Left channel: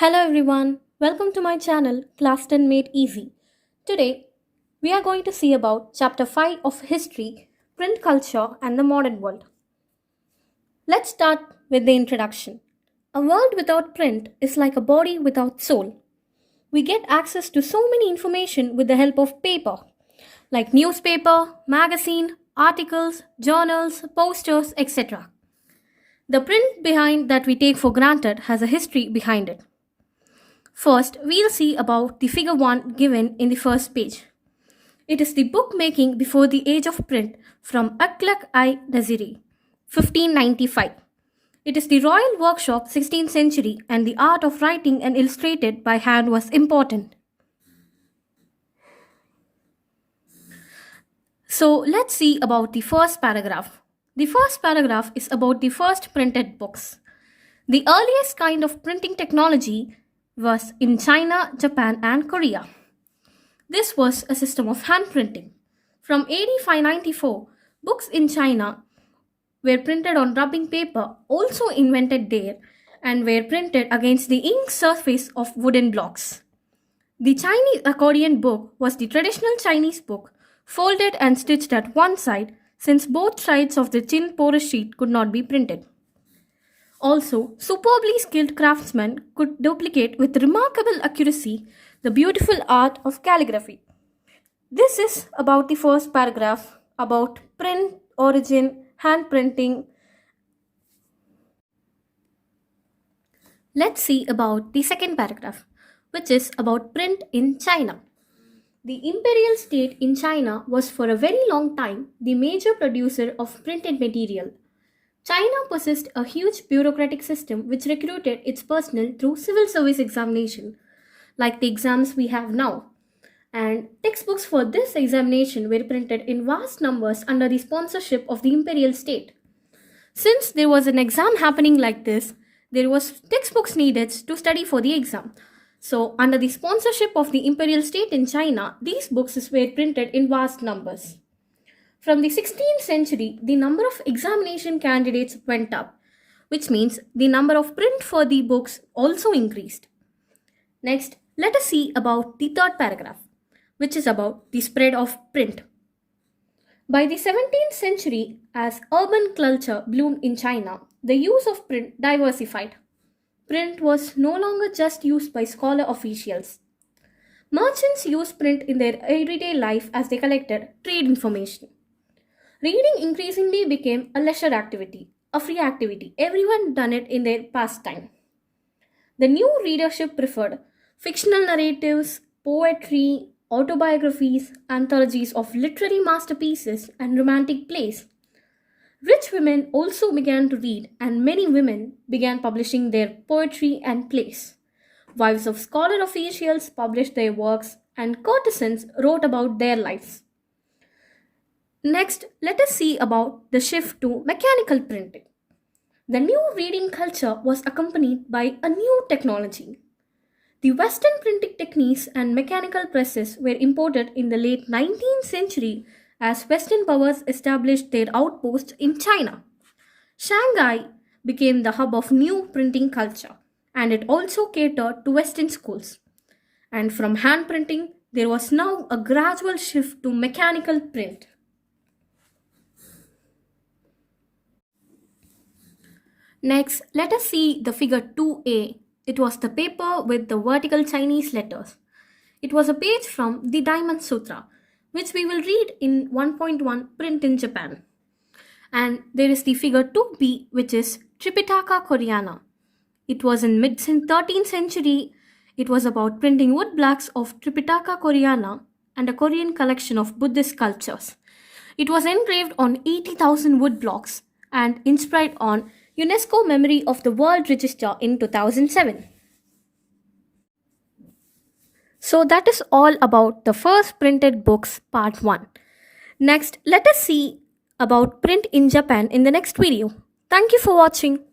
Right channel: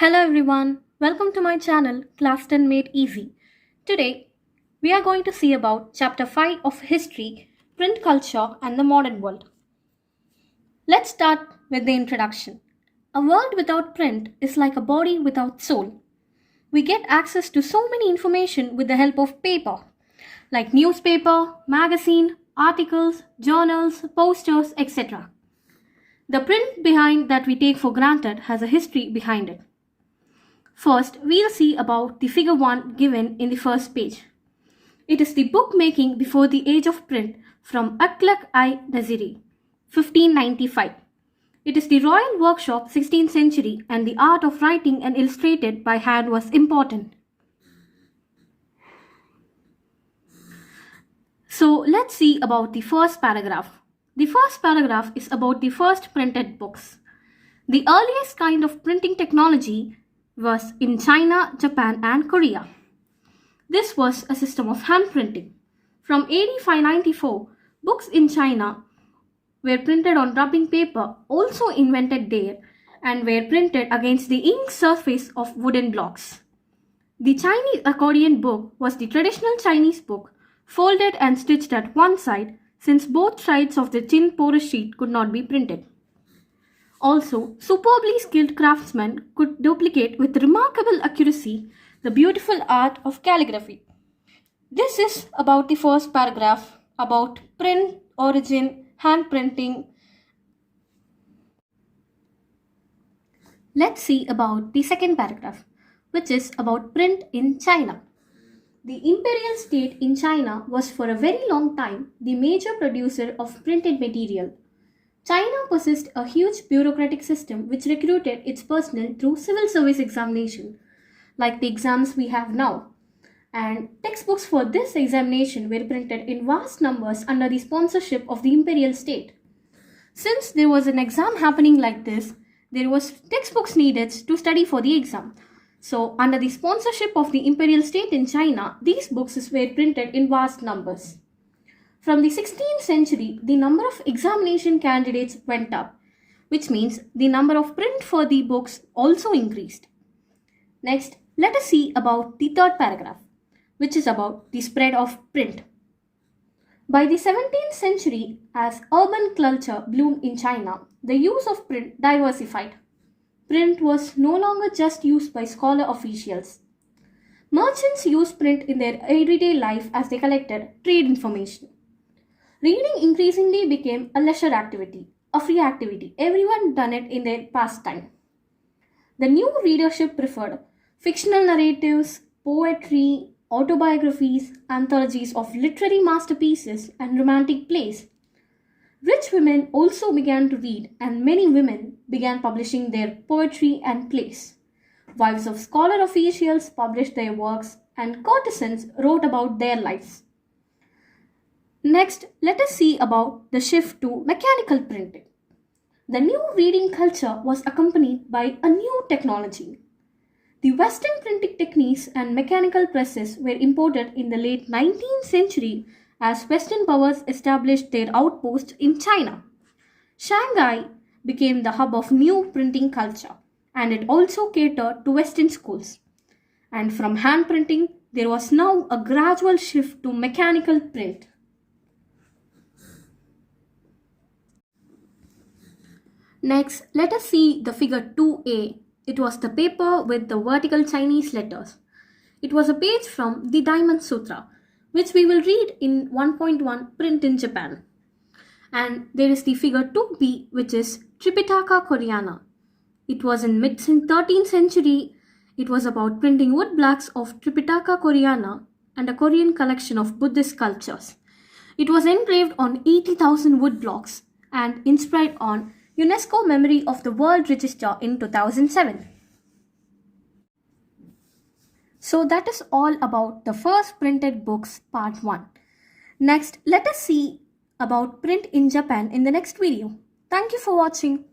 Hello everyone, welcome to my channel Class 10 Made Easy. Today we are going to see about chapter 5 of History, Print Culture and the Modern World. Let's start with the introduction. A world without print is like a body without soul. We get access to so many information with the help of paper, like newspaper, magazine, articles, journals, posters, etc. The print behind that we take for granted has a history behind it. First, we'll see about the figure 1 given in the first page. It is the bookmaking before the age of print from Akhlaq-i Naziri, 1595. It is the royal workshop 16th century and the art of writing and illustrated by hand was important. So let's see about the first paragraph. The first paragraph is about the first printed books. The earliest kind of printing technology was in China, Japan and Korea. This was a system of hand printing. From AD 594, books in China were printed on rubbing paper, also invented there, and were printed against the ink surface of wooden blocks. The Chinese accordion book was the traditional Chinese book, folded and stitched at one side, since both sides of the thin porous sheet could not be printed. Also, superbly skilled craftsmen could duplicate with remarkable accuracy the beautiful art of calligraphy. This is about the first paragraph about print, origin, hand printing. Let's see about the second paragraph, which is about print in China. The imperial state in China was for a very long time the major producer of printed material. China possessed a huge bureaucratic system which recruited its personnel through civil service examination, like the exams we have now. And textbooks for this examination were printed in vast numbers under the sponsorship of the imperial state. Since there was an exam happening like this, there was textbooks needed to study for the exam. So, under the sponsorship of the imperial state in China, these books were printed in vast numbers. From the 16th century, the number of examination candidates went up, which means the number of print for the books also increased. Next, let us see about the third paragraph, which is about the spread of print. By the 17th century, as urban culture bloomed in China, the use of print diversified. Print was no longer just used by scholar officials. Merchants used print in their everyday life as they collected trade information. Reading increasingly became a leisure activity, a free activity. Everyone done it in their pastime. The new readership preferred fictional narratives, poetry, autobiographies, anthologies of literary masterpieces, and romantic plays. Rich women also began to read, and many women began publishing their poetry and plays. Wives of scholar officials published their works, and courtesans wrote about their lives. Next, let us see about the shift to mechanical printing. The new reading culture was accompanied by a new technology. The Western printing techniques and mechanical presses were imported in the late 19th century as Western powers established their outposts in China. Shanghai became the hub of new printing culture, and it also catered to Western schools. And from hand printing, there was now a gradual shift to mechanical print. Next, let us see the figure 2a. It was the paper with the vertical Chinese letters. It was a page from the Diamond Sutra, which we will read in 1.1 Print in Japan. And there is the figure 2b, which is Tripitaka Koreana. It was in mid-13th century. It was about printing wood blocks of Tripitaka Koreana and a Korean collection of Buddhist sculptures. It was engraved on 80,000 wood blocks and inscribed on UNESCO Memory of the World Register in 2007. So that is all about the first printed books part 1. Next, let us see about print in Japan in the next video. Thank you for watching.